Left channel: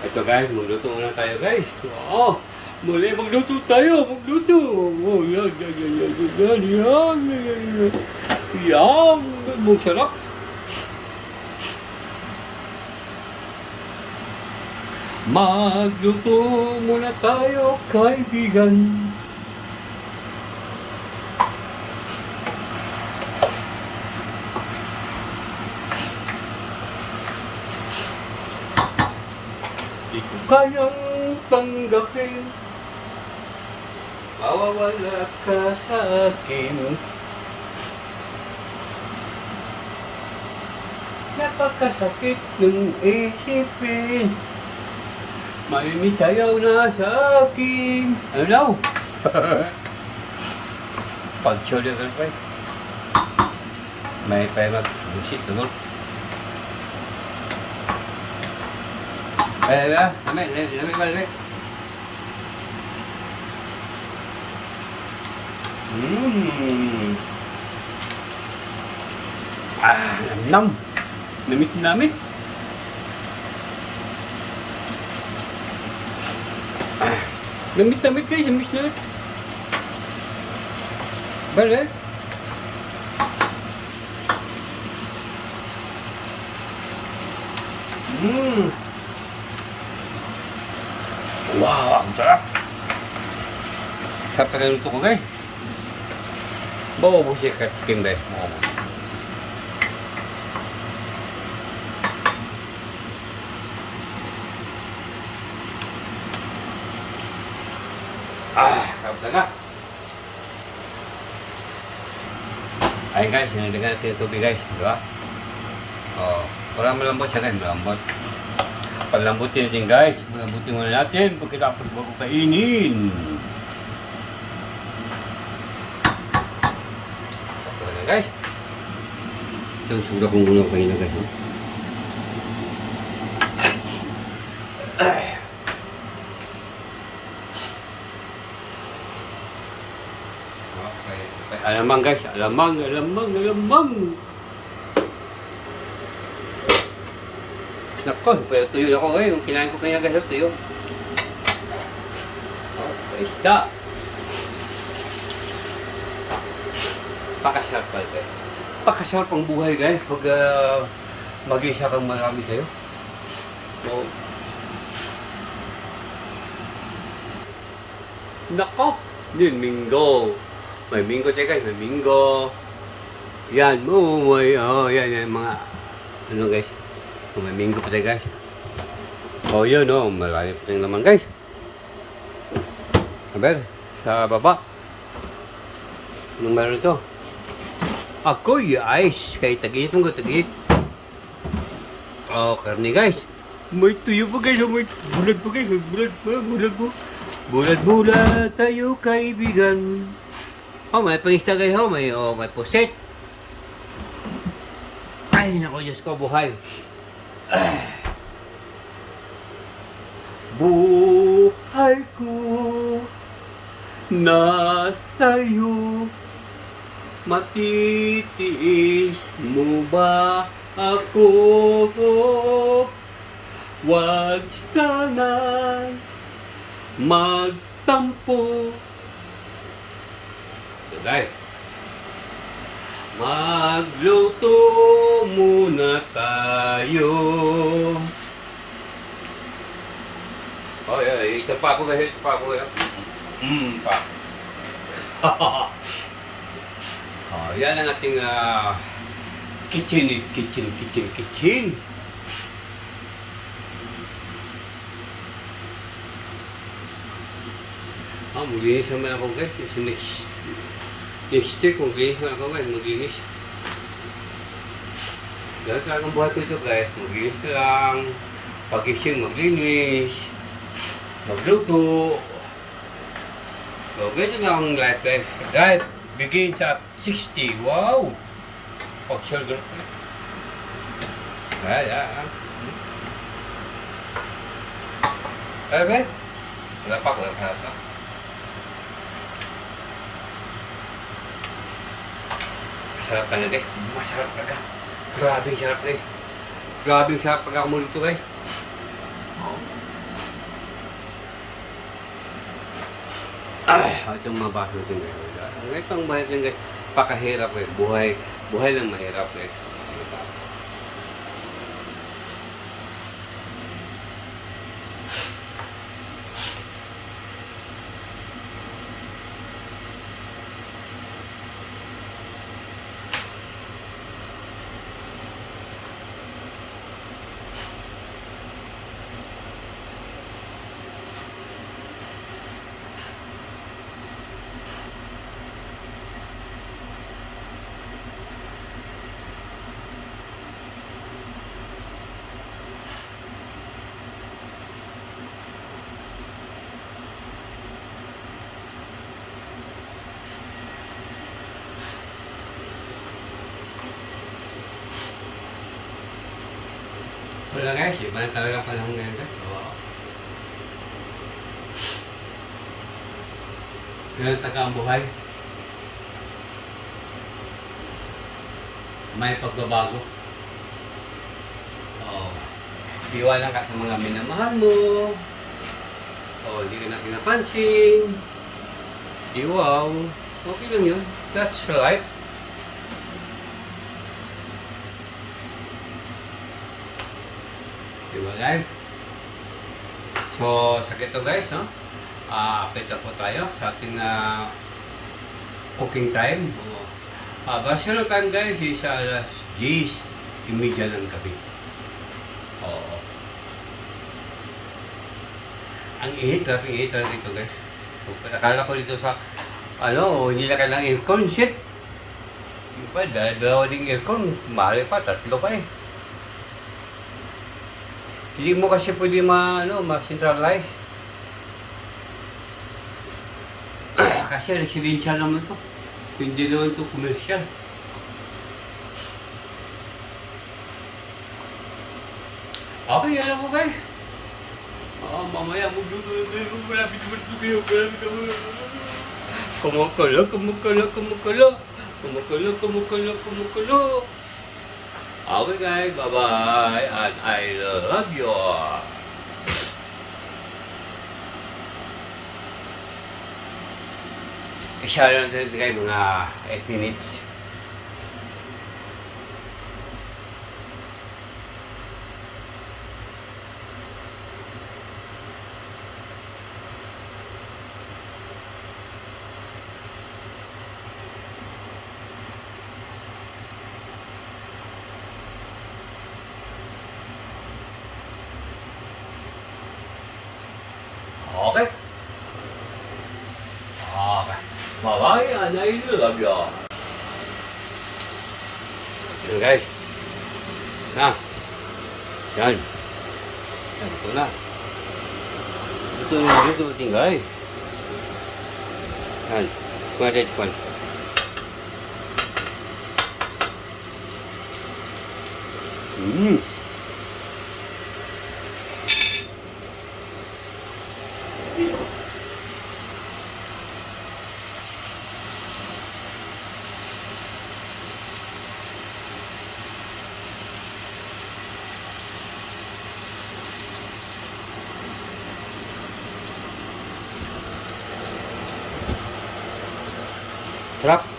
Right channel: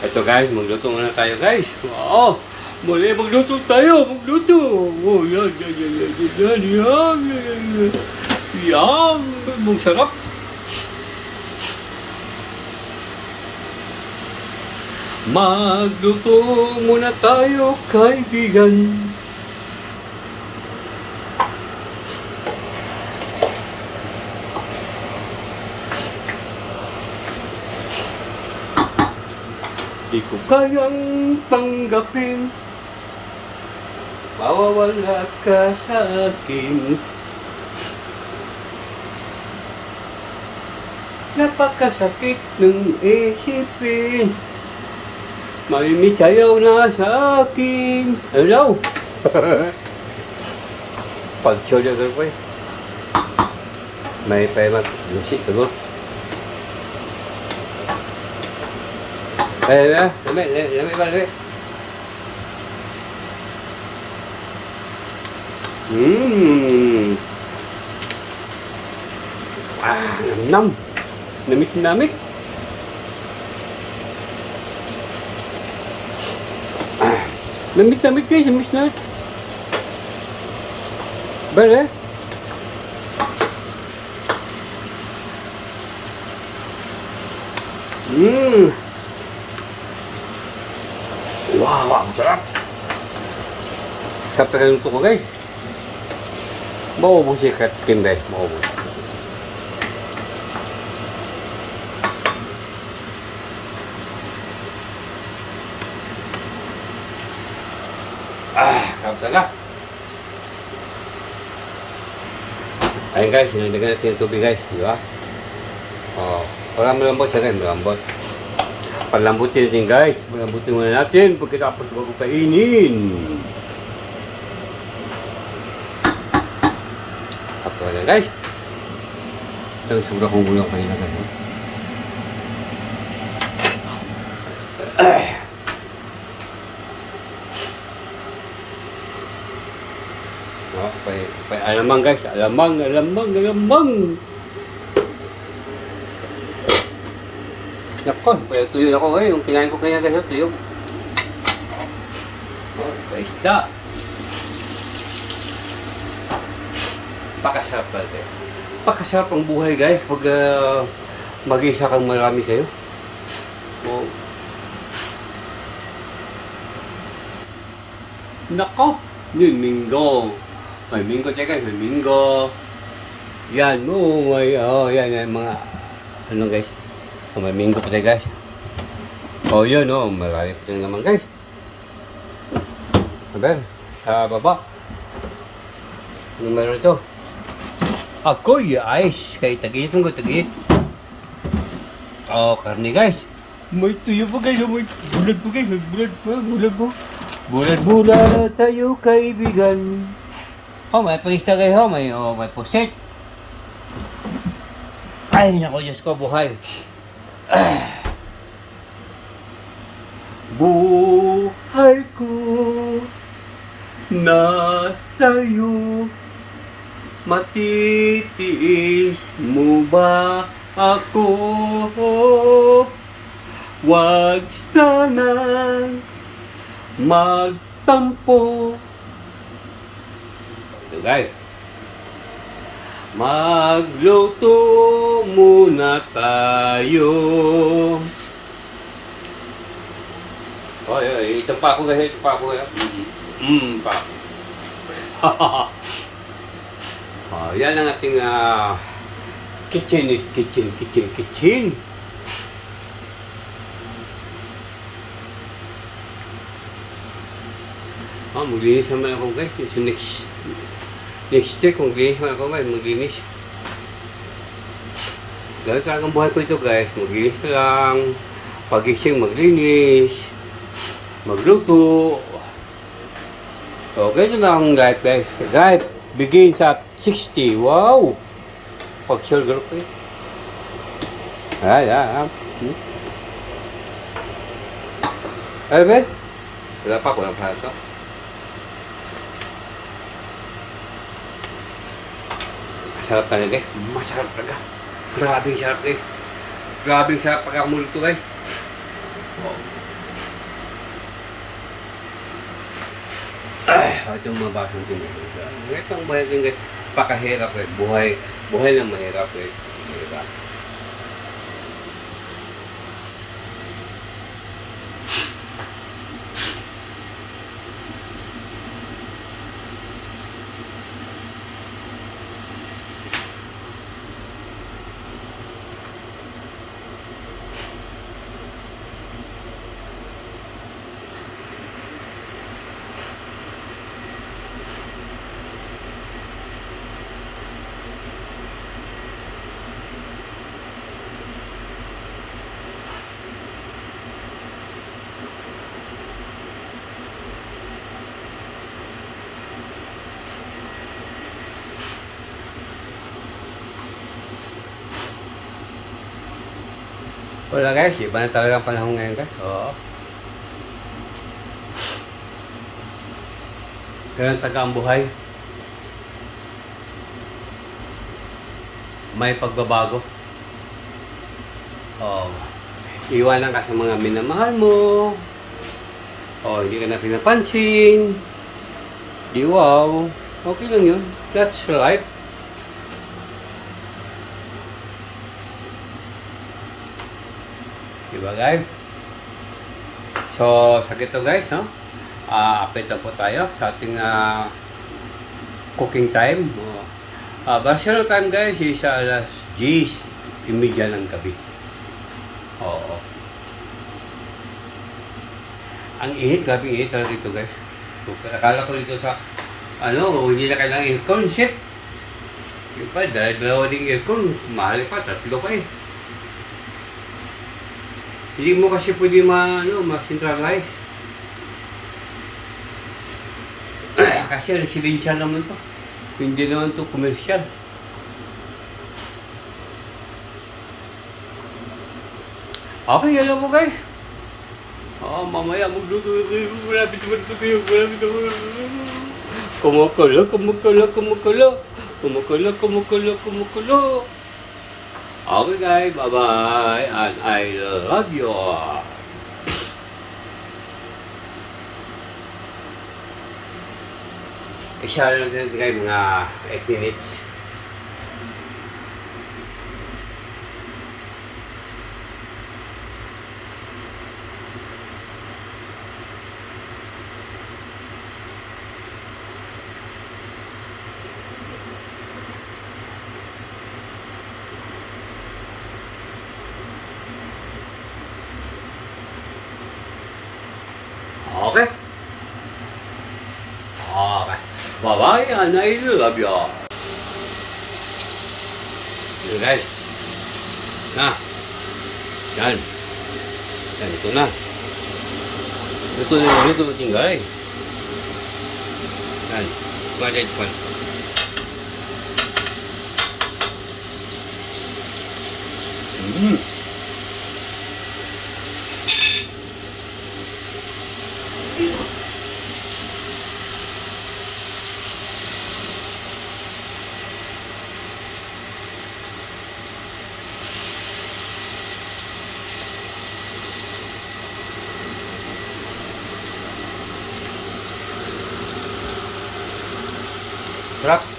Ito guys, magluto muna tayo guys. Oo, muli magluto tayo, magluto. Oh, yan, yan, yan, yan, yan, yan, yan, yan, yan. Yan, mong sarap. Magluto muna tayo, kaibigan. Di ko kayang tanggapin, mawawala ka sa akin. Napakasakit ng isipin, mamimisayaw na sa akin. Ano daw? Pag-show niya ka pa eh. May pa mag-musik tulog. Lamig ba? Nam. Namit. Namit guys, namit na. Bare. Wow, ang sarap. Sarap na luto ko guys. Maubos siya katim guys, maubos. Sarap talaga. Ayun guys, sinagdagan natin yung tubig guys, di ba? Oh, parang malambot siya guys, malambot. Palambutin natin guys, palambutin muna natin pagkatapos bago kainin. At talaga guys. Isang sobra kong gulang kanina guys. Okay, alamang guys, alamang. Nako, pwede tuyo na ako ngayon. Yung kinain ko kaya guys, tuyo. Oh, paisda. Pakasarap pala guys. Pakasarap ang buhay guys pag mag-isa kang marami kayo. Oh. Nako, yun, minggo. May minggo tayo guys, may minggo. Yan mo, yan, mga, ano guys. Oh, may minggo pa tayo guys. Oh yun marami pa tayong laman guys. Aber, sa baba. Anong meron ito? Ako'y ice. Kaya tagit mo ko, tagit. Oh, karne guys. May tuyo pa guys, may bulat pa guys, may bulat po. Bulat tayo kaibigan. Oh, may pangista guys, may puset. Ay, naku Diyos ko, buhay. Buhay ko nasa'yo, matitiis mo ba ako? Wag sanang magtampo. Ito guys, magluto muna tayo. Oy, itong pa ako guys, pa. Yan ang ating kitchen. Maglinis naman ako guys. So next week, maglinis naman ako guys, maglinis. Ganun talaga ang buhay ko ito guys. Maglinis lang. Pagising, maglinis. Magluto. Okay, ito lang guys. Guys, begins at 60. Wow! Pag-share group eh. Ayan. Ano ba? Wala pa ito. Masarap talaga guys. Masarap talaga. Grabing sarap guys. Grabing sarap pag ako muluto guys. Itong mga baso natin guys. Itong buhay natin guys, pakahirap guys. Buhay lang mahirap guys. Mahirap. Wala guys, iba na talaga ang panahon ngayon guys. Oo. Ganun taga ang buhay. May pagbabago. Oo. Iwanan ka sa mga minamahal mo. Oo, hindi ka na pinapansin. Di wow. Okay lang yun. That's life. Diba guys? So, sa ito guys, no? Update lang po tayo sa ating cooking time. Barcelona time guys is alas 10:30 ng gabi. Oo. Ang init, grabe init talaga dito guys. So, akala ko dito sa, hindi na kailangan aircon, shit. Yung pa, dalawa ding aircon, mahal pa, 3 pa eh. Hindi mo kasi pwede ma-centralize. Kasi residential naman to. Hindi naman to commercial. Okay, alam mo guys. Mamaya magluto kayo. Malapit naman ito kayo. Malapit naman. Kumukulo. Okay guys, bye-bye, and I love you all. I-share natin guys mga 8 minutes. Okay? Okay. Bye-bye, and I love you all. Yan guys. Yan. Yan, ito na. Ito na yung YouTube natin guys. Yan. Kumain kayo. Sarap.